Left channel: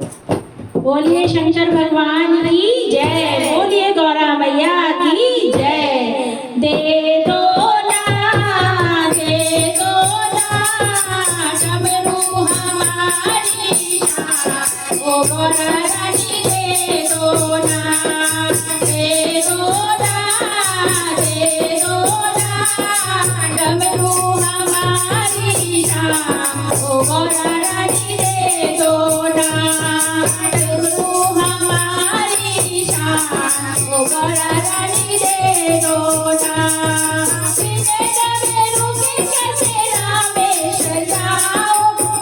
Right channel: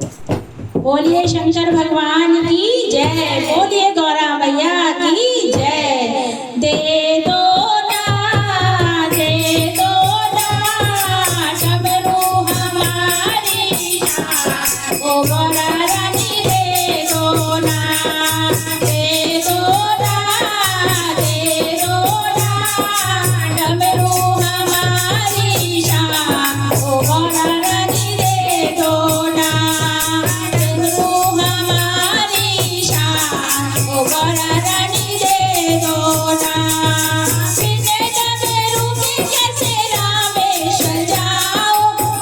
बोलिए शंकर भगवान की जय, बोलिए गौरा मैया की जय। दे दो ना, दे दो ना, डमरू हमारी शान, ओ गौरा रानी दे दो ना, दे दो ना, दे दो ना, डमरू हमारी शान, ओ गौरा रानी दे दो ना, डमरू हमारी शान, ओ गौरा रानी दे दो ना। बिने डमरू के कैसे रामेश्वर जाओ,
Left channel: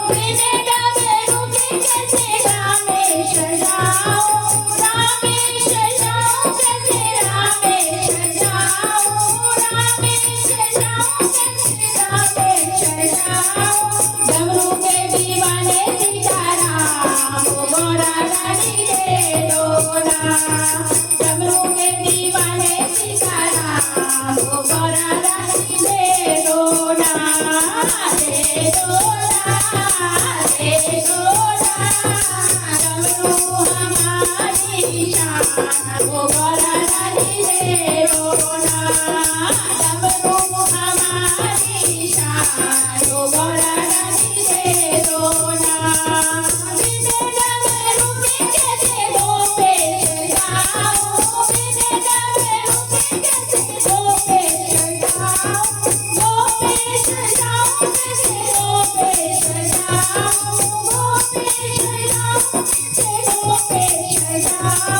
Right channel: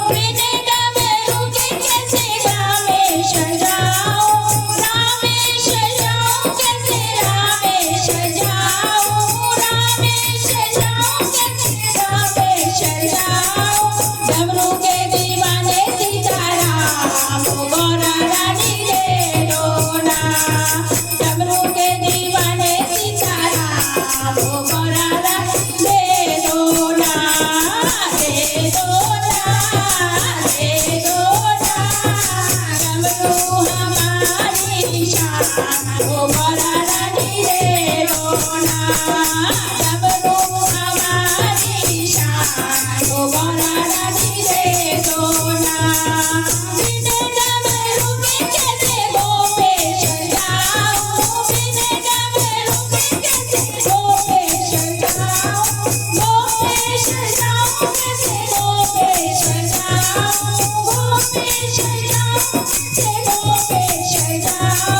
बिने डमरू के कैसे रामेश्वर जाओ, रामेश्वर जाओ कैसे रामेश्वर जाओ, रामेश्वर जाओ कैसे रामेश्वर जाओ। डमरू के दीवाने सीताराम, ओ गौरा रानी दे दो ना, डमरू के दीवाने सीताराम, ओ गौरा रानी दे दो ना, दे दो ना, दे दो ना, डमरू हमारी शान, ओ गौरा रानी दे दो ना, डमरू हमारी शान, ओ गौरा रानी दे दो ना। बिने डमरू के कैसे गोपेश्वर जाओ, बिने डमरू के कैसे गोपेश्वर जाओ, गोपेश्वर जाओ कैसे गोपेश्वर जाओ, गोपेश्वर जाओ कैसे गोपेश्वर जाओ।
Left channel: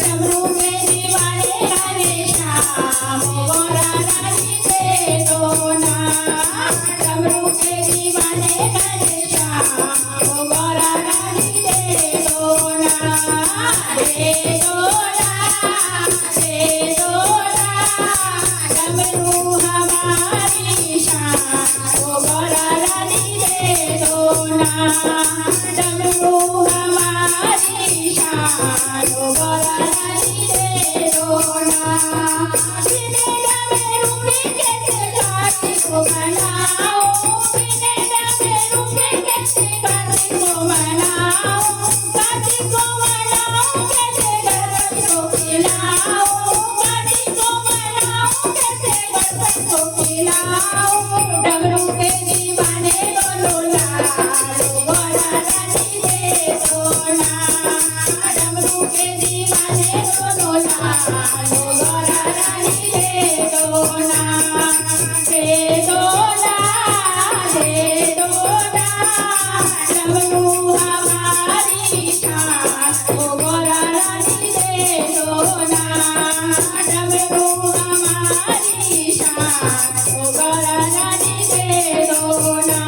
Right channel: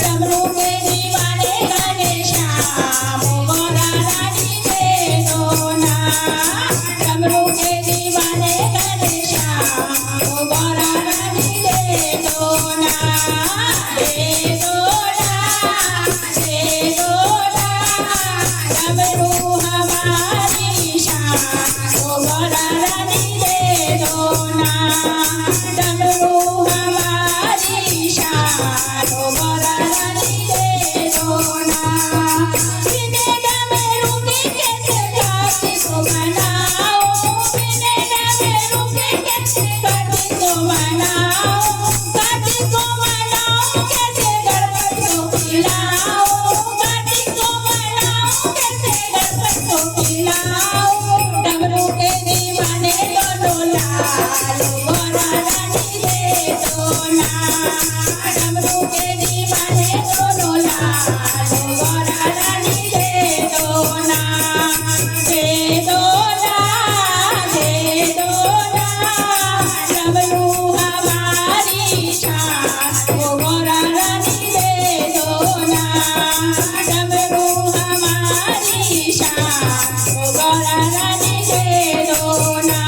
डमरू के दीवाने घनश्याम, ओ गौरा रानी दे दो ना, डमरू के दीवाने घनश्याम, ओ गौरा रानी दे दो ना, दे दो ना, दे दो ना, डमरू हमारी शान, ओ गौरा रानी दे दो ना, डमरू हमारी शान, ओ गौरा रानी दे दो ना। बिने डमरू के कैसे कार्तिक को मनाओ, बिने डमरू के कैसे कार्तिक को मनाओ, कार्तिक को मनाओ कैसे गणपति को खिलाओ, कार्तिक को मनाओ कैसे गणपति को खिलाओ। डमरू के दीवाने दोनों लाल, ओ गौरा रानी दे दो ना, डमरू के दीवाने दोनों लाल, ओ गौरा रानी दे दो ना, दे दो ना, दे दो ना, डमरू हमारी शान, ओ गौरा रानी दे दो ना, डमरू हमारी शान, ओ गौरा रानी दे दो ना।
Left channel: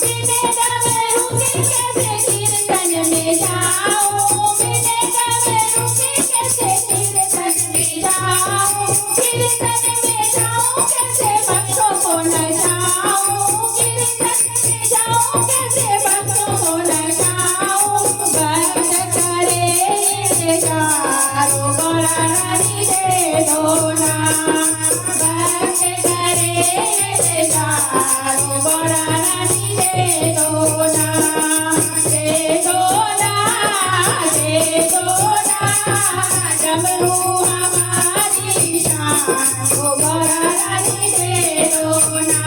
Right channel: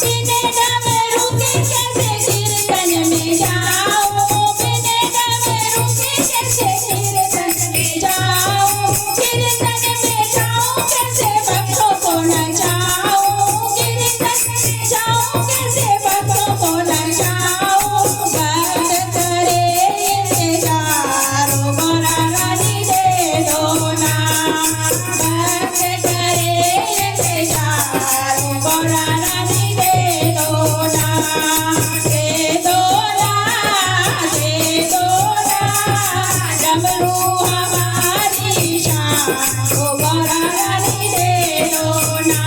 बिने डमरू के कैसे कीर्तन में जाओ, बिने डमरू के कैसे कीर्तन में जाओ, कीर्तन में जाओ कैसे भक्तों को नचाओ, कीर्तन में जाओ कैसे भक्तों को नचाओ। भक्त करे इंतजार, ओ गौरा रानी दे दो ना, भक्त करे इंतजार, ओ गौरा रानी दे दो ना, दे दो ना, दे दो ना, डमरू हमारी शान, ओ गौरा रानी दे दो ना,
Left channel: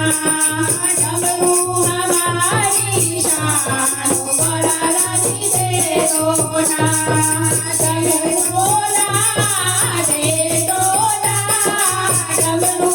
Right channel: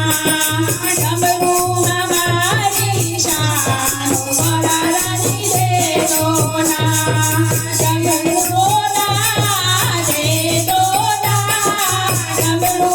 डमरू हमारी शान, ओ गौरा रानी दे दो ना, डमरू ना, दे दो ना, डमरू